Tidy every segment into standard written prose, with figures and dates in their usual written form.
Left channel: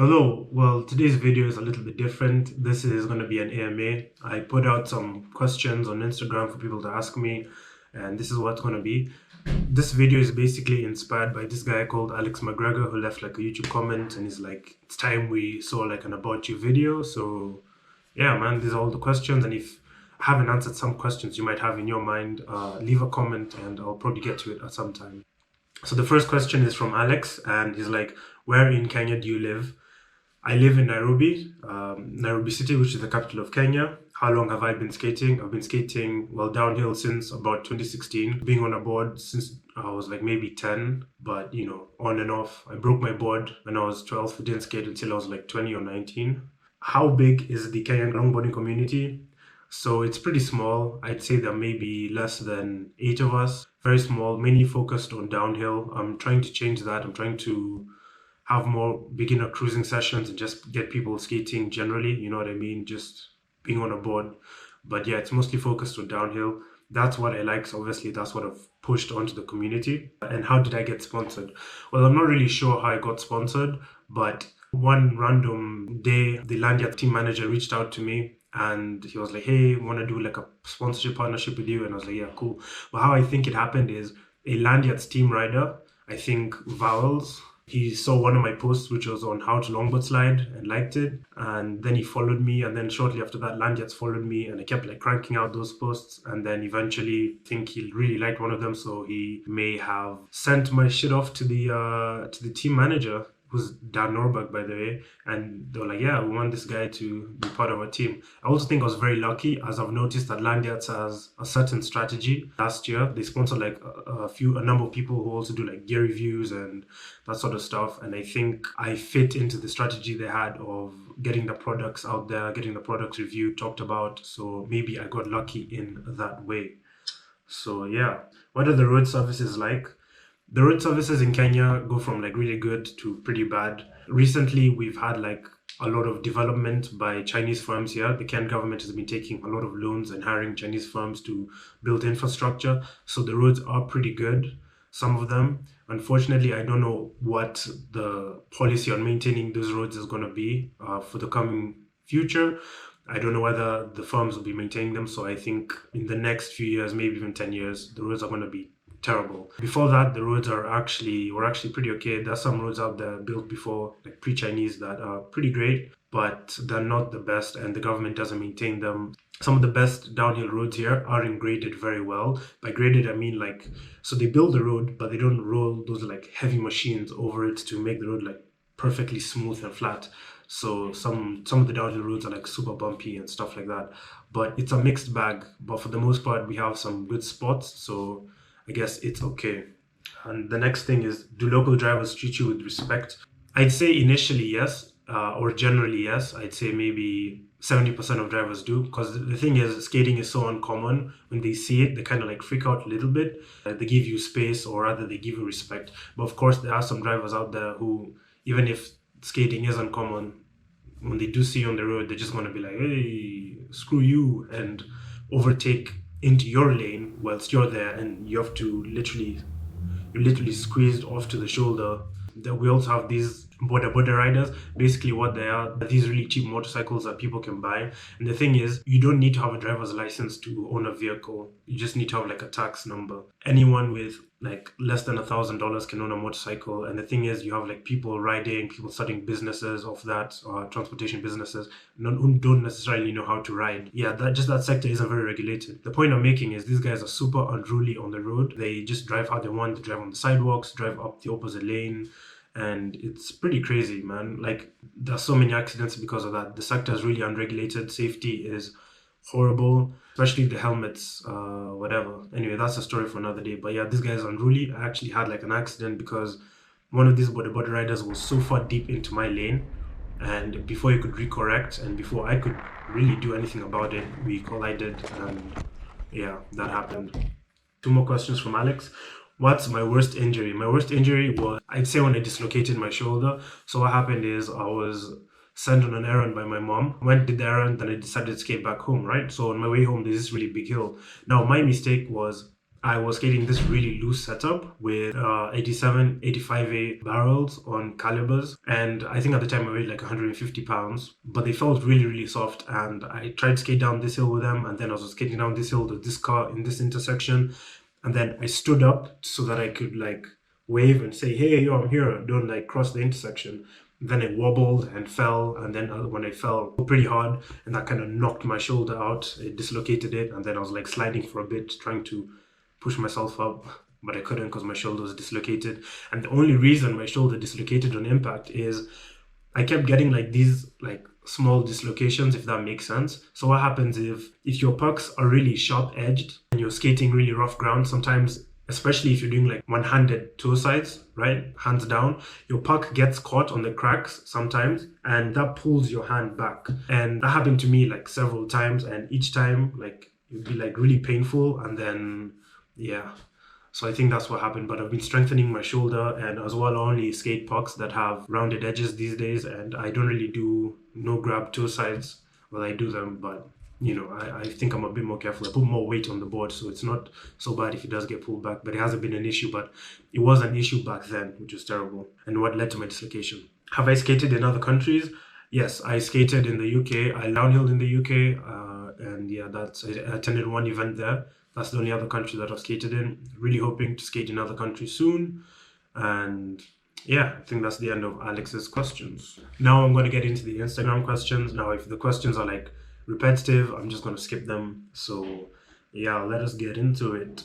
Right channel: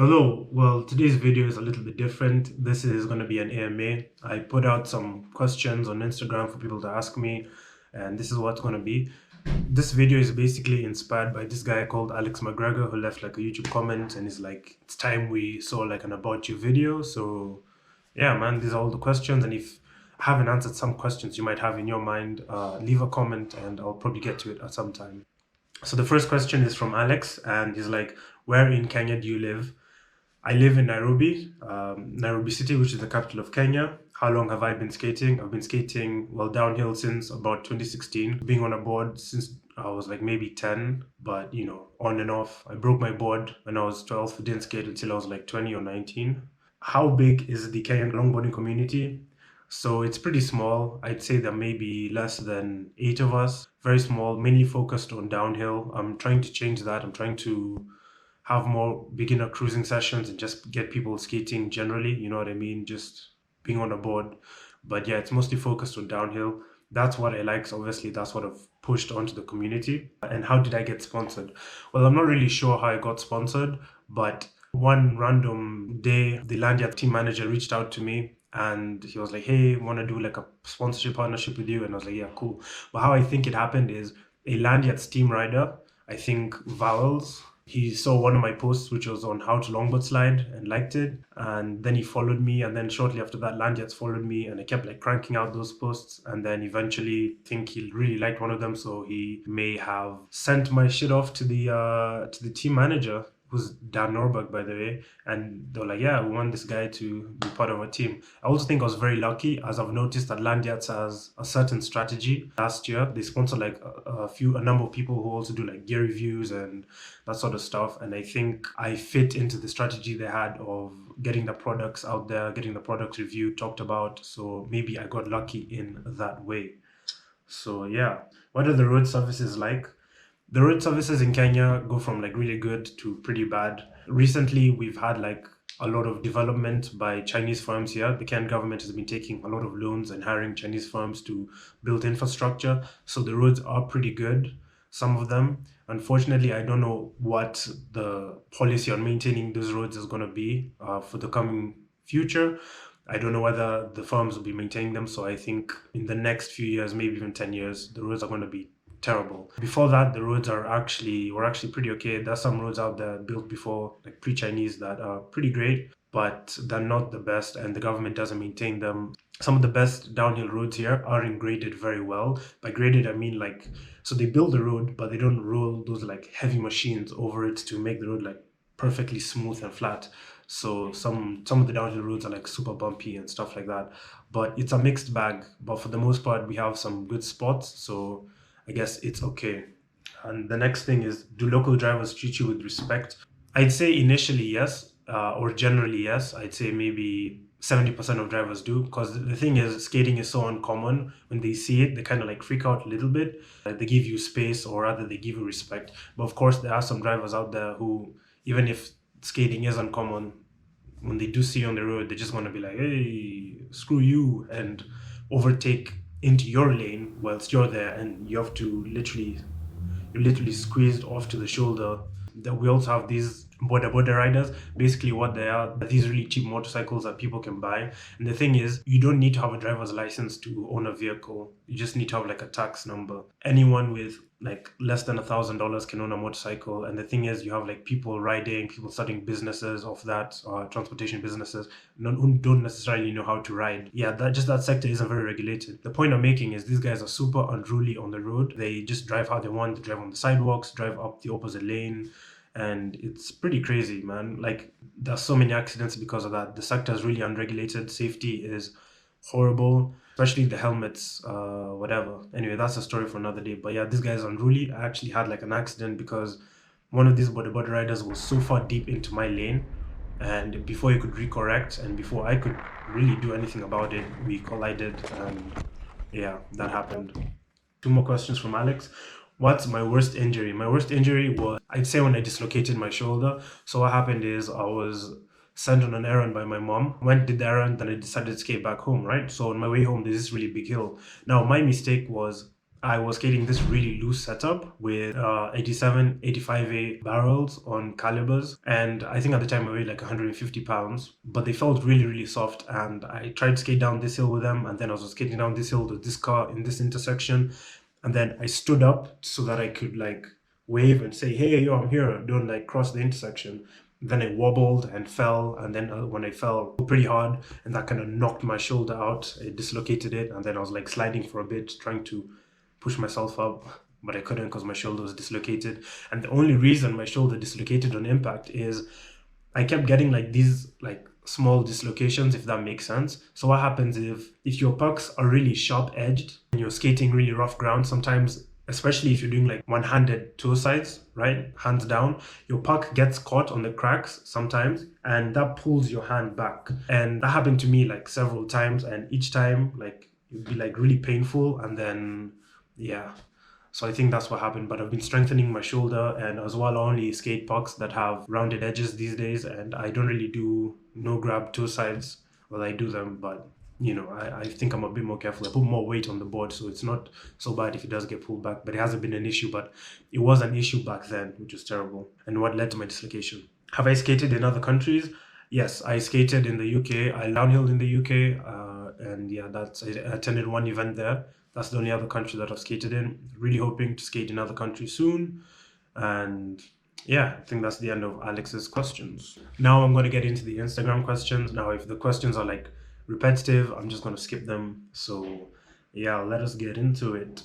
Hello, well, today's video is a little bit different. This is going to be an AMA. I put out some questions on Instagram for people to ask me, and this is what's going to be. This video is basically inspired by this guy called Alex McGregor who left like a YouTube comment and he's like, it's time we saw like an about you video. So, yeah, man, these are all the questions. And if I haven't answered some questions you might have in your mind, leave a comment and I'll probably get to it at some time. So, the first question is from Alex, and he's like, where in Kenya do you live? I live in Nairobi, Nairobi City, which is the capital of Kenya. How long have I been skating? I've been skating, well, downhill since about 2016, being on a board since I was like maybe 10, but on and off. I broke my board when I was 12, didn't skate until I was like 20 or 19. How big is the Kenyan longboarding community? So it's pretty small. I'd say there may be less than eight of us. Very small, mainly focused on downhill. I'm trying to change that. I'm trying to have more beginner cruising sessions and just get people skating generally, you know what I mean? Just being on a board. But yeah, it's mostly focused on downhill. That's what I like. So obviously that's what I've pushed onto the community. And how did I get sponsored? Well, I'm not really sure how I got sponsored, but one random day, the Landia team manager reached out to me and he was like, hey, want to do like a sponsorship partnership with you? And I was like, yeah, cool. But how I think it happened is a Landiat's team rider, I think Vowels, he saw one of my posts, which was on how to longboard slide, and liked it. And then he followed me. And then shortly after that, Landjets followed me, and I kept like cranking out those posts. And then eventually, I think he really liked one of them, so he may have sent my shit off to the team manager, who's Dan Norberg, by the way. And they were like, yeah, we want this guy to be part of our team. I also think I was very lucky, as I've noticed that Landiats has a certain strategy. Last year, they sponsored like a number of people who also do like gear reviews and that sort of stuff. And I think I fit into the strategy they had of getting the products out there, getting the products reviewed, talked about. So maybe I got lucky in that way. So yeah, what are the road services like? The road services in Kenya go from like really good to pretty bad. Recently, we've had like a lot of development by Chinese firms here. The Kenyan government has been taking a lot of loans and hiring Chinese firms to build infrastructure. So the roads are pretty good, some of them. Unfortunately, I don't know what the policy on maintaining those roads is going to be for the coming future. I don't know whether the firms will be maintaining them. So I think in the next few years, maybe even 10 years, the roads are going to be terrible. Before that, the roads were actually pretty okay. There's some roads out there built before, like pre-Chinese, that are pretty great, but they're not the best, and the government doesn't maintain them. Some of the best downhill roads here aren't graded very well. By graded, I mean like, so they build the road, but they don't roll those like heavy machines over it to make the road like perfectly smooth and flat. So some of the downhill roads are like super bumpy and stuff like that. But it's a mixed bag. But for the most part, we have some good spots. So I guess it's okay. And the next thing is, do local drivers treat you with respect? I'd say initially yes, or generally yes. I'd say maybe 70% of drivers do, because the thing is, skating is so uncommon. When they see it, they kind of like freak out a little bit. They give you space, or rather, they give you respect. But of course, there are some drivers out there who, even if skating is uncommon, when they do see you on the road, they're just going to be like, hey, screw you, and overtake into your lane whilst you're there, and you have to literally squeezed off to the shoulder. That we also have these border riders. Basically, what they are these really cheap motorcycles that people can buy. And the thing is, you don't need to have a driver's license to own a vehicle. You just need to have like a tax number. Anyone with like less than $1,000 can own a motorcycle. And the thing is, you have like people riding, people starting businesses of that, transportation businesses, don't necessarily know how to ride. Yeah, that sector isn't very regulated. The point I'm making is these guys are super unruly on the road. They just drive how they want. They drive on the sidewalks, drive up the opposite lane, and it's pretty crazy, man. Like, there's so many accidents because of that. The sector is really unregulated. Safety is horrible, especially the helmets, whatever. Anyway, that's a story for another day. But yeah, this guy's unruly. I actually had like an accident because one of these border riders was so far deep into my lane, and before he could recorrect and before I could really do anything about it, we collided, and yeah, that happened. Two more questions from Alex. What's my worst injury? My worst injury was, I'd say, when I dislocated my shoulder. So what happened is I was sent on an errand by my mom. Went did the errand, then I decided to skate back home, right? So on my way home, there's this really big hill. Now my mistake was I was skating this really loose setup with 87, 85A barrels on calibers. And I think at the time I weighed like 150 pounds, but they felt really, really soft. And I tried to skate down this hill with them. And then I was skating down this hill to this car in this intersection. And then I stood up so that I could like wave and say, hey, yo, I'm here. Don't like cross the intersection. Then I wobbled and fell, and then when I fell pretty hard, and that kind of knocked my shoulder out, it dislocated it, and then I was like sliding for a bit, trying to push myself up, but I couldn't because my shoulder was dislocated. And the only reason my shoulder dislocated on impact is I kept getting like these like small dislocations, if that makes sense. So what happens if your pucks are really sharp edged and you're skating really rough ground, sometimes especially if you're doing like one-handed toe sides, right? Hands down, your puck gets caught on the cracks sometimes, and that pulls your hand back. And that happened to me like several times, and each time like it'd be like really painful, and then yeah. So I think that's what happened, but I've been strengthening my shoulder, and as well I only skate pucks that have rounded edges these days, and I don't really do no grab toe sides. Well, I do them, but I think I'm a bit more careful. I put more weight on the board, so it's not so bad if it does get pulled back, but it hasn't been an issue, but it was an issue back then, which was terrible, and what led to my dislocation. Have I skated in other countries? Yes, I skated in the UK. I downhilled in the UK, and yeah, I attended one event there. That's the only other country that I've skated in. Really hoping to skate in other countries soon. And yeah, I think that's the end of Alex's questions. Now I'm going to get into the Instagram questions. Now, if the questions are like repetitive, I'm just going to skip them. So yeah, let us get into it.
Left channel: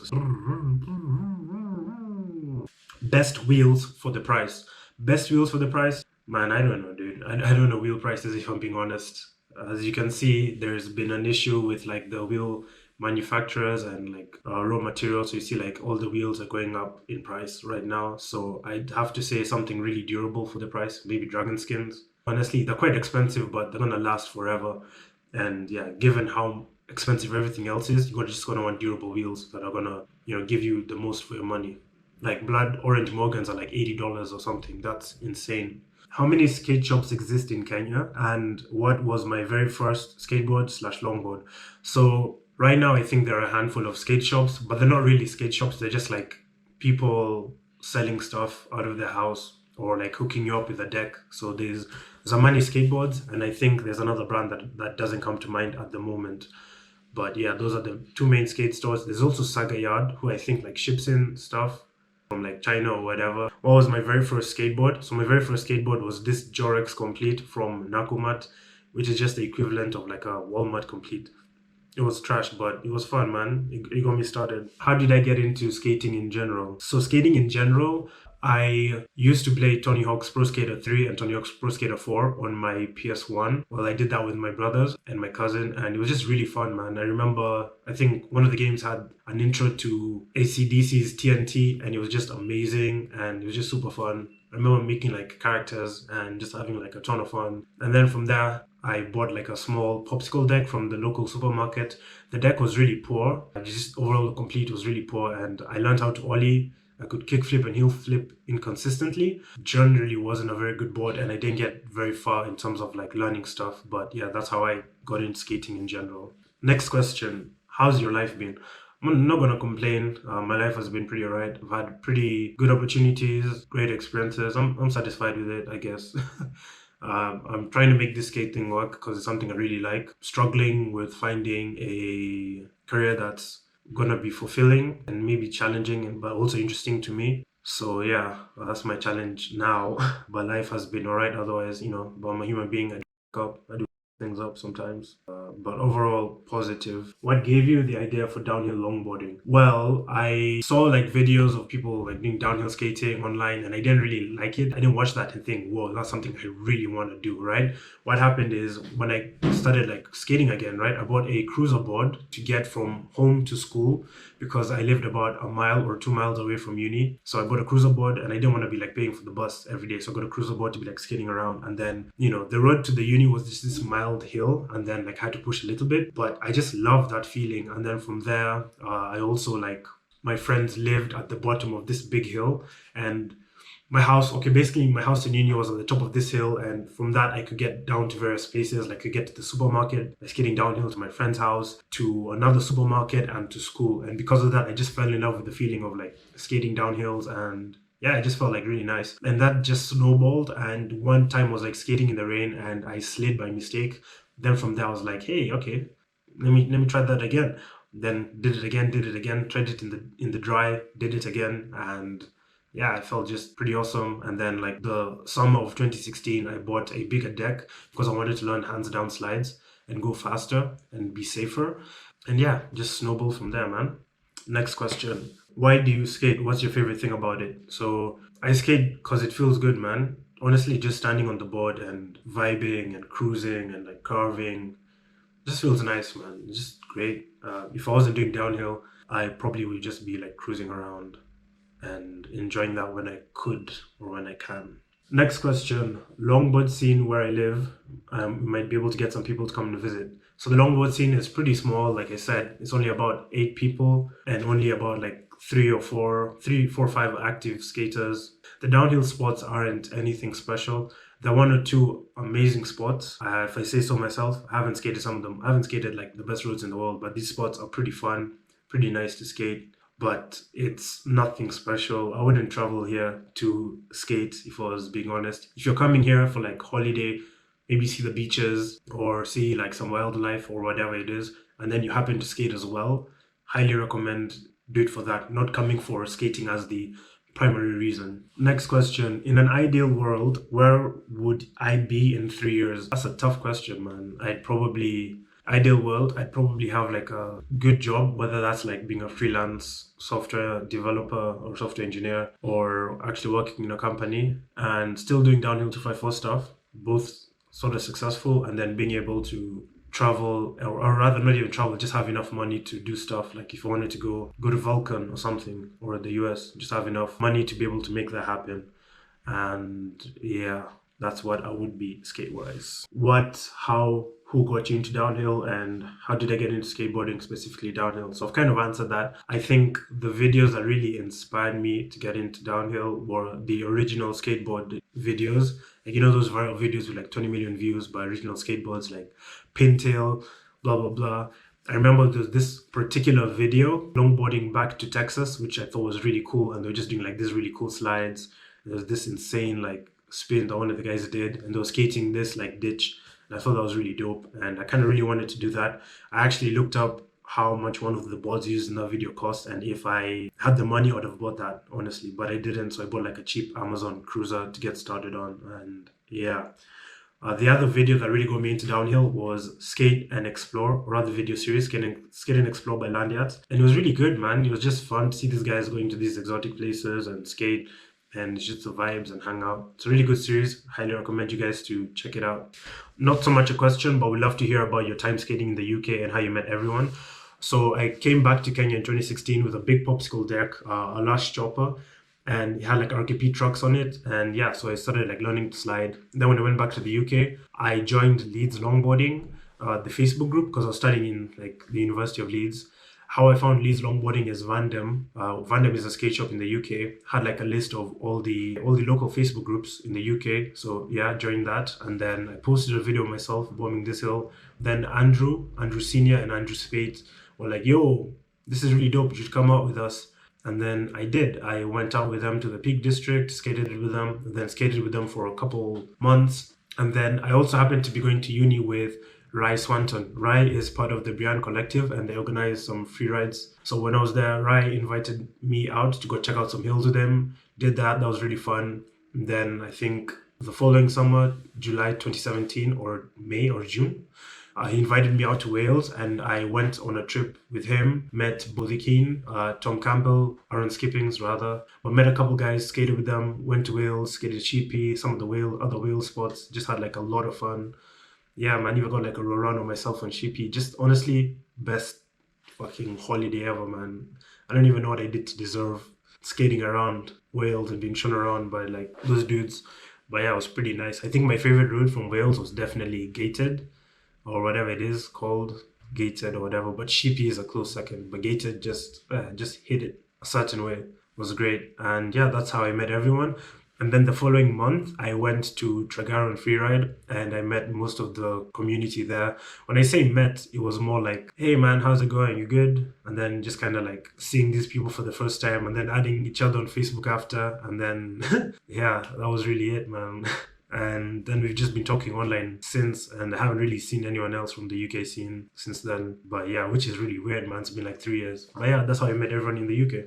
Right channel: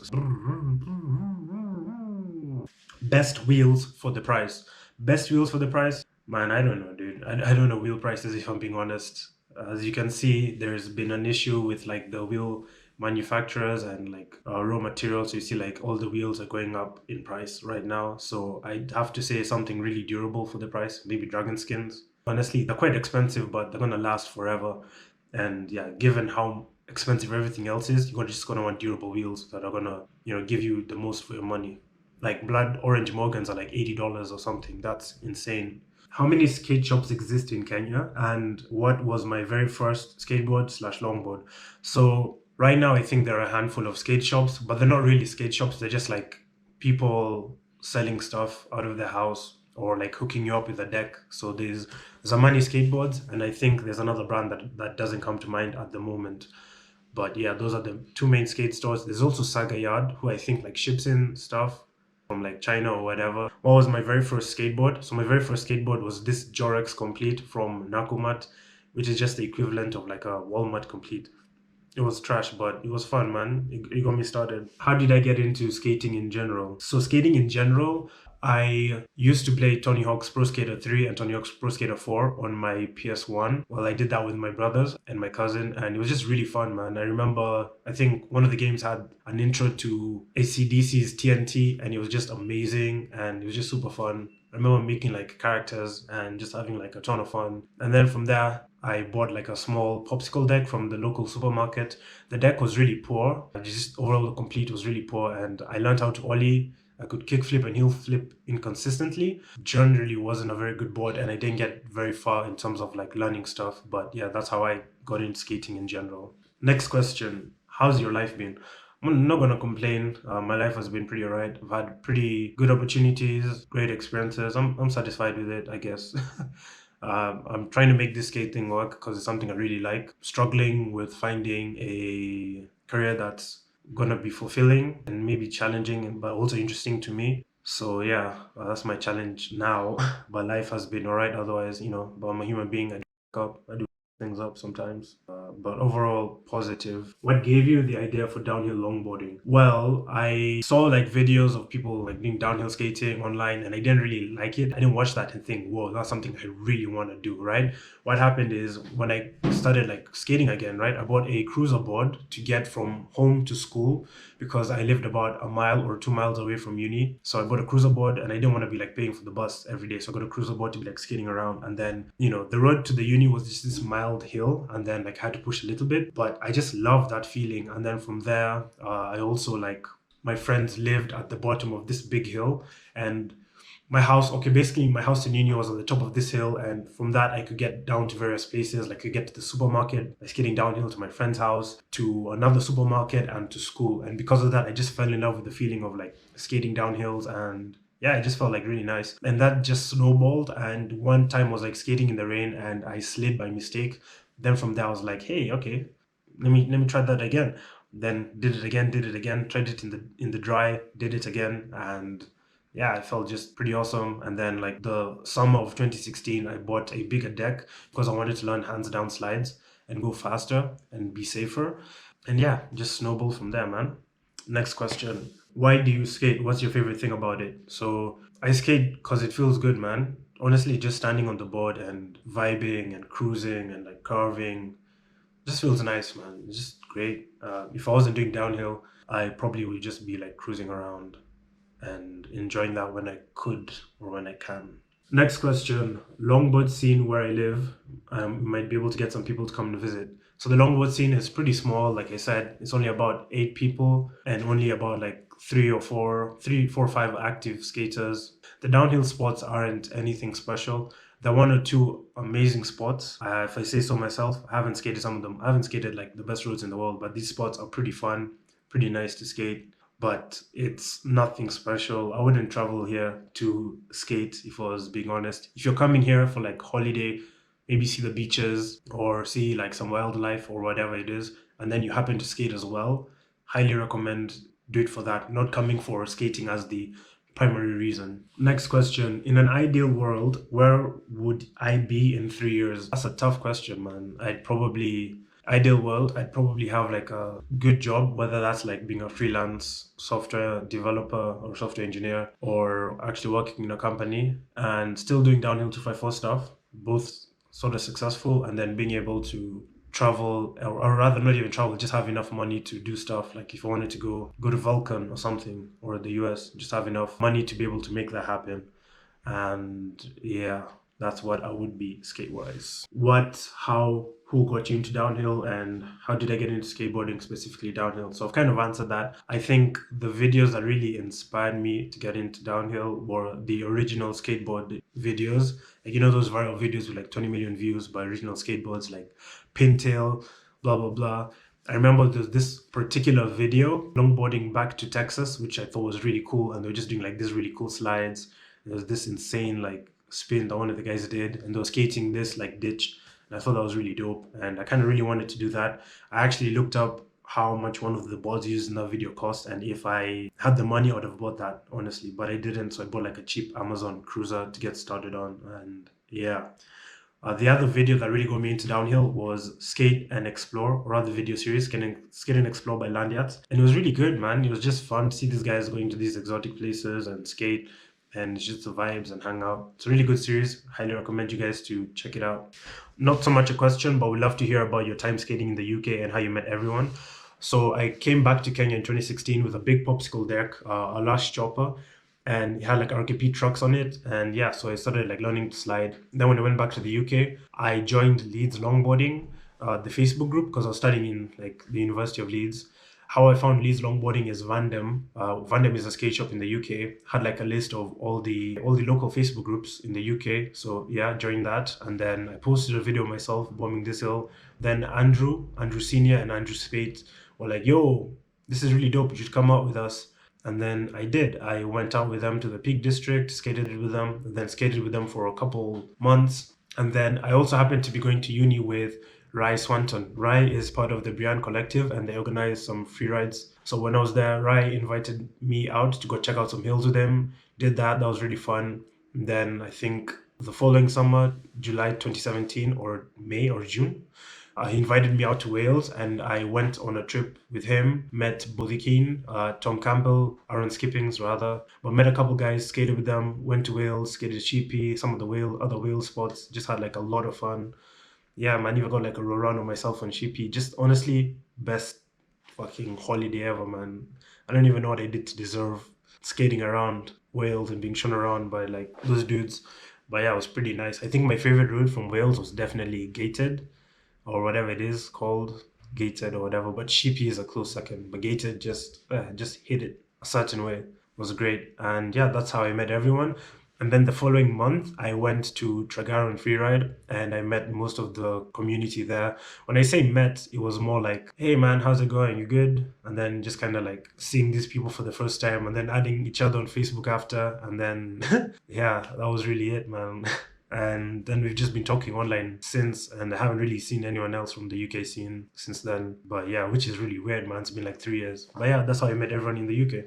Best wheels for the price. Best wheels for the price? Man, I don't know, dude. I don't know wheel prices, if I'm being honest. As you can see, there's been an issue with like the wheel manufacturers and like raw materials. So you see like all the wheels are going up in price right now. So I'd have to say something really durable for the price, maybe dragon skins. Honestly, they're quite expensive, but they're gonna last forever. And yeah, given how expensive everything else is, you're just gonna want durable wheels that are gonna, give you the most for your money. Like blood orange Morgans are like $80 or something. That's insane. How many skate shops exist in Kenya, and what was my very first skateboard slash longboard? So right now I think there are a handful of skate shops, but they're not really skate shops. They're just like people selling stuff out of their house or like hooking you up with a deck. So there's Zamani Skateboards, and I think there's another brand that doesn't come to mind at the moment. But yeah, those are the two main skate stores. There's also Saga Yard, who I think like ships in stuff from like China or whatever. What was my very first skateboard? So my very first skateboard was this Jorex Complete from Nakumat, which is just the equivalent of like a Walmart Complete. It was trash, but it was fun, man. It got me started. How did I get into skating in general? So skating in general, I used to play Tony Hawk's Pro Skater 3 and Tony Hawk's Pro Skater 4 on my PS1. Well, I did that with my brothers and my cousin, and it was just really fun, man. I remember, I think one of the games had an intro to AC/DC's TNT, and it was just amazing, and it was just super fun. I remember making like characters and just having like a ton of fun. And then from there, I bought like a small popsicle deck from the local supermarket. The deck was really poor. Just overall, the complete was really poor, and I learned how to ollie. I could kickflip and heel flip inconsistently. Generally wasn't a very good board, and I didn't get very far in terms of like learning stuff. But yeah, that's how I got into skating in general. Next question. How's your life been? I'm not gonna complain. My life has been pretty alright. I've had pretty good opportunities, great experiences. I'm satisfied with it, I guess. I'm trying to make this skate thing work because it's something I really like. Struggling with finding a career that's gonna be fulfilling and maybe challenging, but also interesting to me. So yeah, that's my challenge now. But life has been alright otherwise, but I'm a human being. I do things up sometimes. But overall, positive. What gave you the idea for downhill longboarding? Well, I saw like videos of people like doing downhill skating online, and I didn't really like it. I didn't watch that and think, whoa, that's something I really want to do, right? What happened is when I started like skating again, right, I bought a cruiser board to get from home to school because I lived about a mile or 2 miles away from uni. So I bought a cruiser board, and I didn't want to be like paying for the bus every day. So I got a cruiser board to be like skating around. And then, the road to the uni was just this mild hill, and then like I had to push a little bit, but I just loved that feeling. And then from there, I also like my friends lived at the bottom of this big hill, and My house, okay, basically my house in uni was on the top of this hill, and from that I could get down to various places. Like I could get to the supermarket, I was getting downhill to my friend's house, to another supermarket, and to school. And because of that, I just fell in love with the feeling of like skating down hills, and yeah, it just felt like really nice. And that just snowballed. And one time I was like skating in the rain, and I slid by mistake. Then from there I was like, hey, okay, let me try that again. Then did it again, tried it in the dry, did it again, and yeah, it felt just pretty awesome. And then like the summer of 2016, I bought a bigger deck because I wanted to learn hands down slides and go faster and be safer. And yeah, just snowball from there, man. Next question. Why do you skate? What's your favorite thing about it? So I skate because it feels good, man. Honestly, just standing on the board and vibing and cruising and like carving just feels nice, man. It's just great. If I wasn't doing downhill, I probably would just be like cruising around and enjoying that when I could or when I can. Next question. Longboard scene where I live. We might be able to get some people to come and visit. So the longboard scene is pretty small. Like I said, it's only about 8 people and only about like three, four, five active skaters. The downhill spots aren't anything special. There are one or two amazing spots. If I say so myself, I haven't skated some of them. I haven't skated like the best roads in the world, but these spots are pretty fun, pretty nice to skate, but it's nothing special. I wouldn't travel here to skate if I was being honest. If you're coming here for like holiday, maybe see the beaches or see like some wildlife or whatever it is, and then you happen to skate as well, highly recommend do it for that, not coming for skating as the primary reason. Next question. In an ideal world, where would I be in 3 years? That's a tough question, man. Ideal world, I'd probably have like a good job, whether that's like being a freelance software developer or software engineer, or actually working in a company and still doing downhill 254 stuff, both sort of successful, and then being able to travel, or rather not even travel, just have enough money to do stuff. Like if I wanted to go to Vulcan or something, or the US, just have enough money to be able to make that happen. And yeah, that's what I would be skate wise. Who got you into downhill, and how did I get into skateboarding, specifically downhill? So I've kind of answered that. I think the videos that really inspired me to get into downhill were the original skateboard videos. Like, you know, those viral videos with like 20 million views by original skateboards like Pintail, blah, blah, blah. I remember there's this particular video, longboarding back to Texas, which I thought was really cool. And they're just doing like these really cool slides. There's this insane like spin that one of the guys did, and they were skating this like ditch. And I thought that was really dope. And I kind of really wanted to do that. I actually looked up how much one of the boards used in that video cost, and if I had the money, I would have bought that, honestly. But I didn't, so I bought like a cheap Amazon Cruiser to get started on. And yeah. The other video that really got me into downhill was Skate and Explore, or rather video series, Skate and Explore by Landyards. And it was really good, man. It was just fun to see these guys going to these exotic places and skate, and it's just the vibes and hang out. It's a really good series. Highly recommend you guys to check it out. Not so much a question, but we'd love to hear about your time skating in the UK and how you met everyone. So I came back to Kenya in 2016 with a big popsicle deck, a Lash chopper, and it had like RKP trucks on it. And yeah, so I started like learning to slide. Then when I went back to the UK, I joined Leeds Longboarding, the Facebook group, because I was studying in like the University of Leeds. How I found Leeds Longboarding is Vandem. Vandem is a skate shop in the UK. Had like a list of all the local Facebook groups in the UK. So yeah, joined that, and then I posted a video myself bombing this hill. Then Andrew Senior and Andrew Spate were like, "Yo, this is really dope. You should come out with us." And then I did. I went out with them to the Peak District, skated with them, then skated with them for a couple months. And then I also happened to be going to uni with Rai Swanton. Rai is part of the Brian Collective, and they organize some free rides. So when I was there, Rai invited me out to go check out some hills with him. Did that. That was really fun. And then I think the following summer, July 2017 or May or June, he invited me out to Wales, and I went on a trip with him, met Bully Keane, Tom Campbell, Aaron Skippings rather, but met a couple guys, skated with them, went to Wales, skated Sheepy, some of the other whale spots, just had like a lot of fun. Yeah, man, even got like a roll around on myself on Sheepy. Just honestly, best fucking holiday ever, man. I don't even know what I did to deserve skating around Wales and being shown around by like those dudes. But yeah, it was pretty nice. I think my favorite route from Wales was definitely Gated, or whatever it is called, Gated or whatever. But Sheepy is a close second. But Gated just hit it a certain way. It was great. And yeah, that's how I met everyone. And then the following month, I went to Tragara and Freeride and I met most of the community there. When I say met, it was more like, hey man, how's it going? You good? And then just kind of like seeing these people for the first time and then adding each other on Facebook after. And then, yeah, that was really it, man. And then we've just been talking online since, and I haven't really seen anyone else from the UK scene since then. But yeah, which is really weird, man. It's been like 3 years. But yeah, that's how I met everyone in the UK.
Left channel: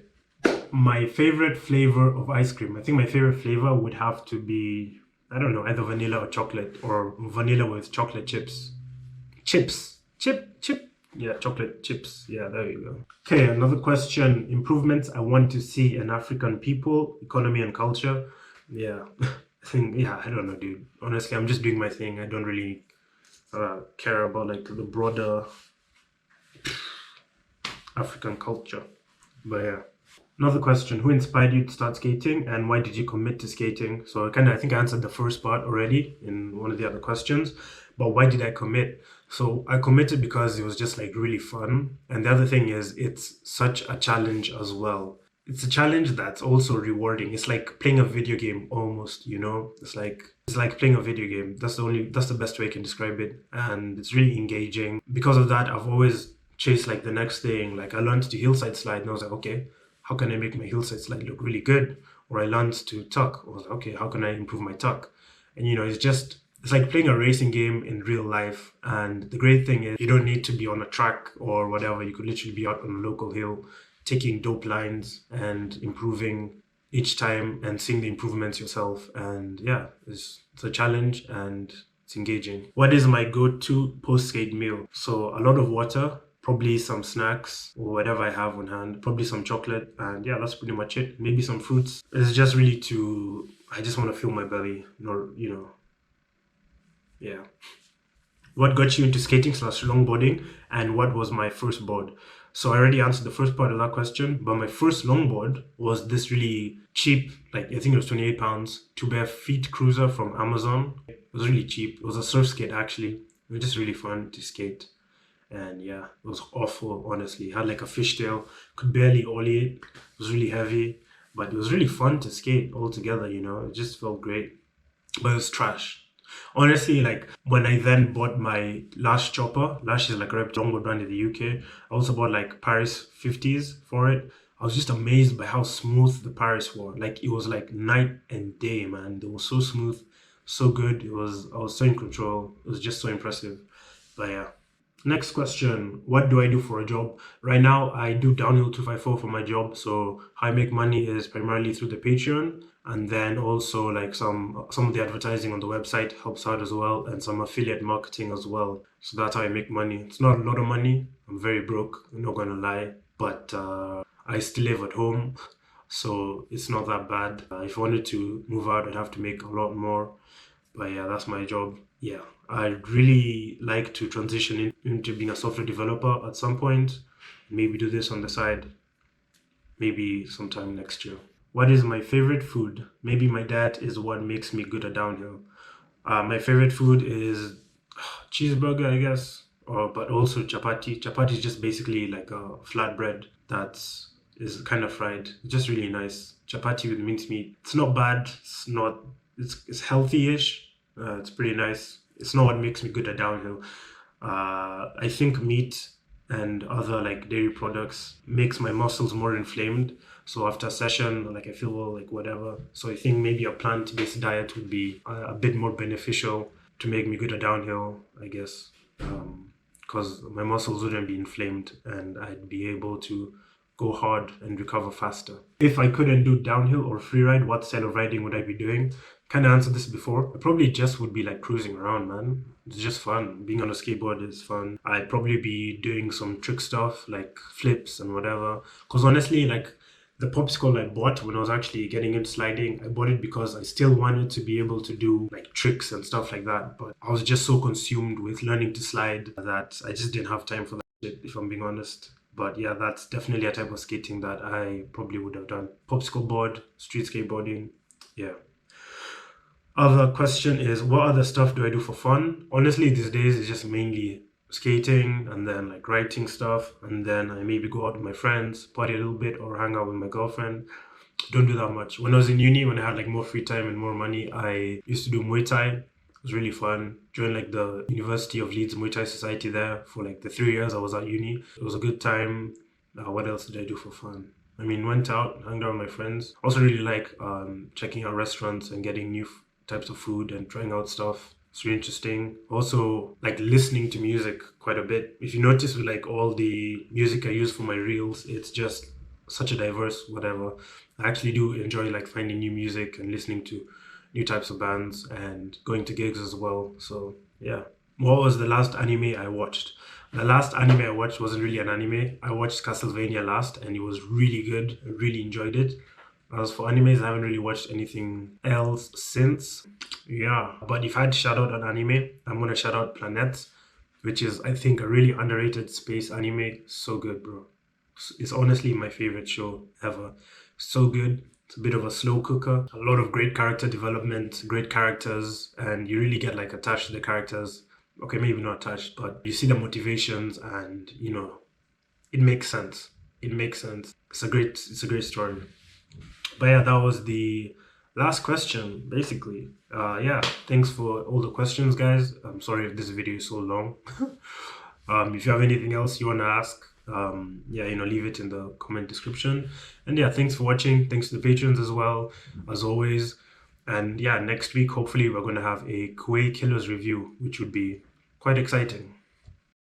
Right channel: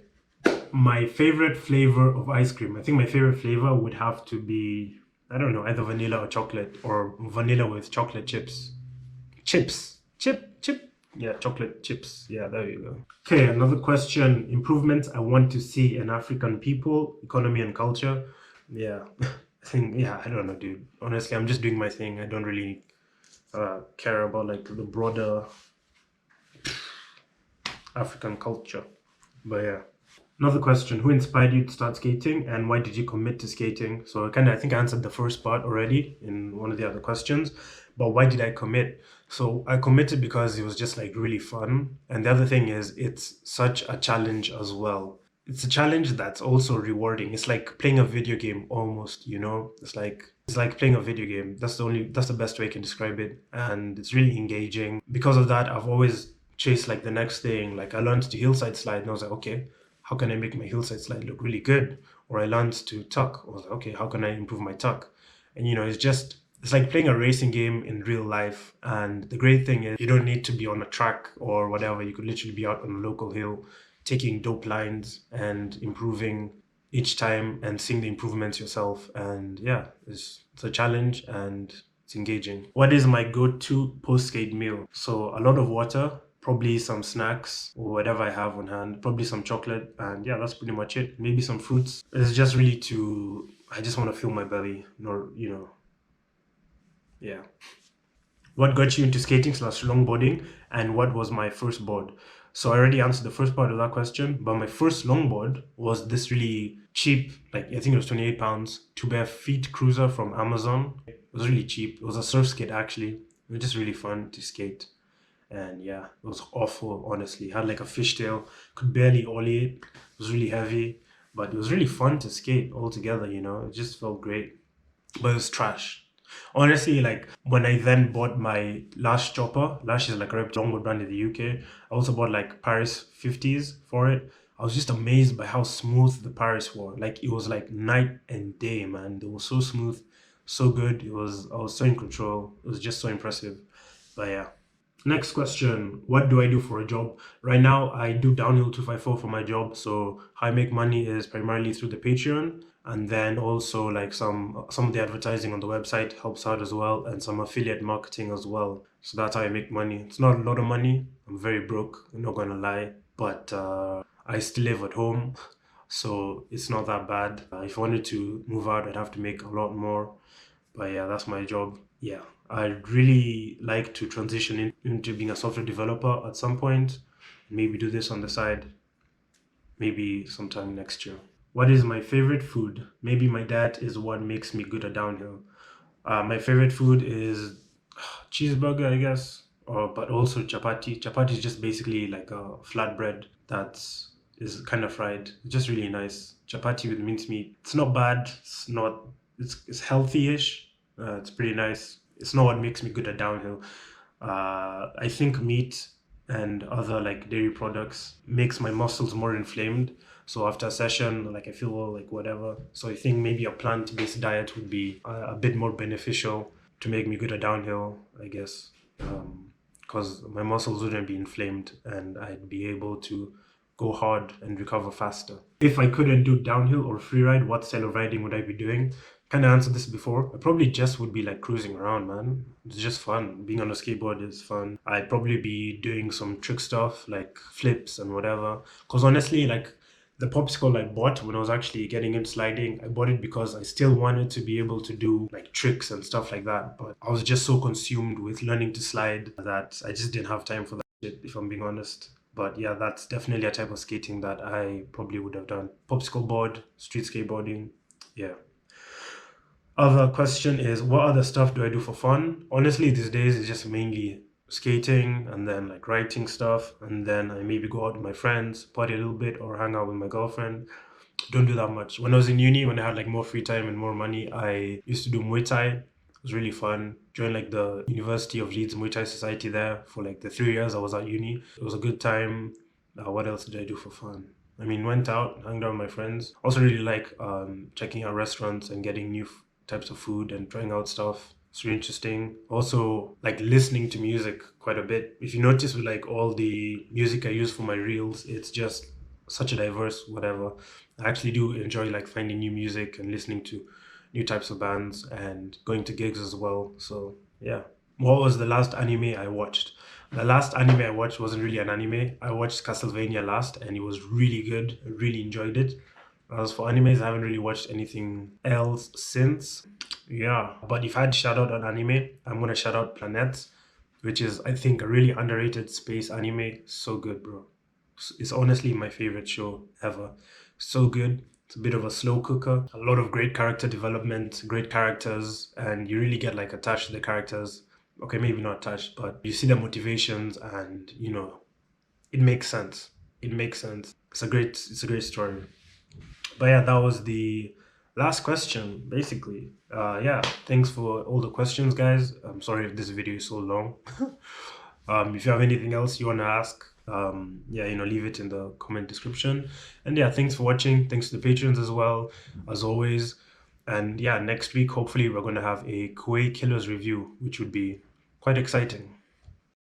My favorite flavor of ice cream. I think my favorite flavor would have to be, I don't know, either vanilla or chocolate, or vanilla with chocolate chips. Chips. Chip. Yeah, chocolate chips. Yeah, there you go. Okay, another question. Improvements I want to see in African people, economy and culture. Yeah. I think, yeah, I don't know, dude. Honestly, I'm just doing my thing. I don't really care about like the broader African culture. But yeah. Another question: who inspired you to start skating, and why did you commit to skating? So I think I answered the first part already in one of the other questions, but why did I commit? So I committed because it was just like really fun, and the other thing is it's such a challenge as well. It's a challenge that's also rewarding. It's like playing a video game almost, you know? It's like playing a video game. That's the best way I can describe it. And it's really engaging. Because of that, I've always chased like the next thing. Like I learned to hillside slide and I was like, okay, how can I make my hillside slide look really good? Or I learned to tuck. I was like, okay, how can I improve my tuck? And it's like playing a racing game in real life. And the great thing is you don't need to be on a track or whatever. You could literally be out on a local hill, taking dope lines and improving each time and seeing the improvements yourself. And yeah, it's a challenge and it's engaging. What is my go-to post-skate meal? So a lot of water, probably some snacks or whatever I have on hand, probably some chocolate, and yeah, that's pretty much it. Maybe some fruits. It's just really I just want to fill my belly, yeah. What got you into skating slash longboarding, and what was my first board? So I already answered the first part of that question, but my first longboard was this really cheap, like I think it was £28, two bare feet cruiser from Amazon. It was really cheap. It was a surf skate actually. It was just really fun to skate. And yeah, it was awful, honestly. It had like a fishtail, could barely ollie it. It was really heavy, but it was really fun to skate altogether, It just felt great. But it was trash. Honestly, like when I then bought my Lash chopper, Lash is like a longboard brand in the UK. I also bought like Paris 50s for it. I was just amazed by how smooth the Paris were. Like it was like night and day, man. They were so smooth, so good. I was so in control. It was just so impressive. But yeah. Next question. What do I do for a job? Right now, I do downhill 254 for my job. So how I make money is primarily through the Patreon, and then also like some of the advertising on the website helps out as well, and some affiliate marketing as well. So that's how I make money. It's not a lot of money. I'm very broke. I'm not gonna lie, but I still live at home, so it's not that bad. If I wanted to move out, I'd have to make a lot more. But yeah, that's my job. Yeah, I'd really like to transition into being a software developer at some point. Maybe do this on the side, maybe sometime next year. What is my favorite food? Maybe my dad is what makes me good at downhill. My favorite food is cheeseburger, I guess, but also chapati. Chapati is just basically like a flatbread that's is kind of fried. It's just really nice. Chapati with mincemeat. It's not bad. It's not. It's healthy-ish. It's pretty nice. It's not what makes me good at downhill. I think meat and other like dairy products makes my muscles more inflamed. So after a session, like I feel like whatever. So I think maybe a plant-based diet would be a bit more beneficial to make me good at downhill, I guess, because my muscles wouldn't be inflamed and I'd be able to go hard and recover faster. If I couldn't do downhill or freeride, what kind of riding would I be doing? Kind of answered this before. I probably just would be like cruising around, man. It's just fun. Being on a skateboard is fun. I'd probably be doing some trick stuff like flips and whatever. Because honestly, like the popsicle I bought when I was actually getting into sliding, I bought it because I still wanted to be able to do like tricks and stuff like that. But I was just so consumed with learning to slide that I just didn't have time for that shit, if I'm being honest. But yeah, that's definitely a type of skating that I probably would have done. Popsicle board, street skateboarding, yeah. Other question is, what other stuff do I do for fun? Honestly, these days it's just mainly skating and then like writing stuff, and then I maybe go out with my friends, party a little bit, or hang out with my girlfriend. don't do that much. When I was in uni, when I had like more free time and more money, I used to do Muay Thai. It was really fun. Joined like the University of Leeds Muay Thai Society there for like the 3 years I was at uni. It was a good time. What else did I do for fun? I mean, went out, hung out with my friends. Also, really like checking out restaurants and getting new types of food and trying out stuff. It's really interesting. Also, like listening to music quite a bit. If you notice, with like all the music I use for my reels, it's just such a diverse whatever. I actually do enjoy like finding new music and listening to new types of bands and going to gigs as well. So yeah. What was the last anime I watched? The last anime I watched wasn't really an anime. I watched Castlevania last and it was really good. I really enjoyed it. As for animes, I haven't really watched anything else since. Yeah, but if I had to shout out an anime, I'm gonna shout out Planet, which is I think a really underrated space anime. So good, bro. It's honestly my favorite show ever. So good. It's a bit of a slow cooker. A lot of great character development, great characters, and you really get like attached to the characters. Okay, maybe not attached, but you see the motivations, and it makes sense. It makes sense. It's a great story. But yeah, that was the last question, basically. Yeah, thanks for all the questions, guys. I'm sorry if this video is so long. If you have anything else you want to ask, yeah, leave it in the comment description. And yeah, thanks for watching. Thanks to the patrons as well, as always. And yeah, next week, hopefully, we're going to have a Kuwait Killers review, which would be quite exciting.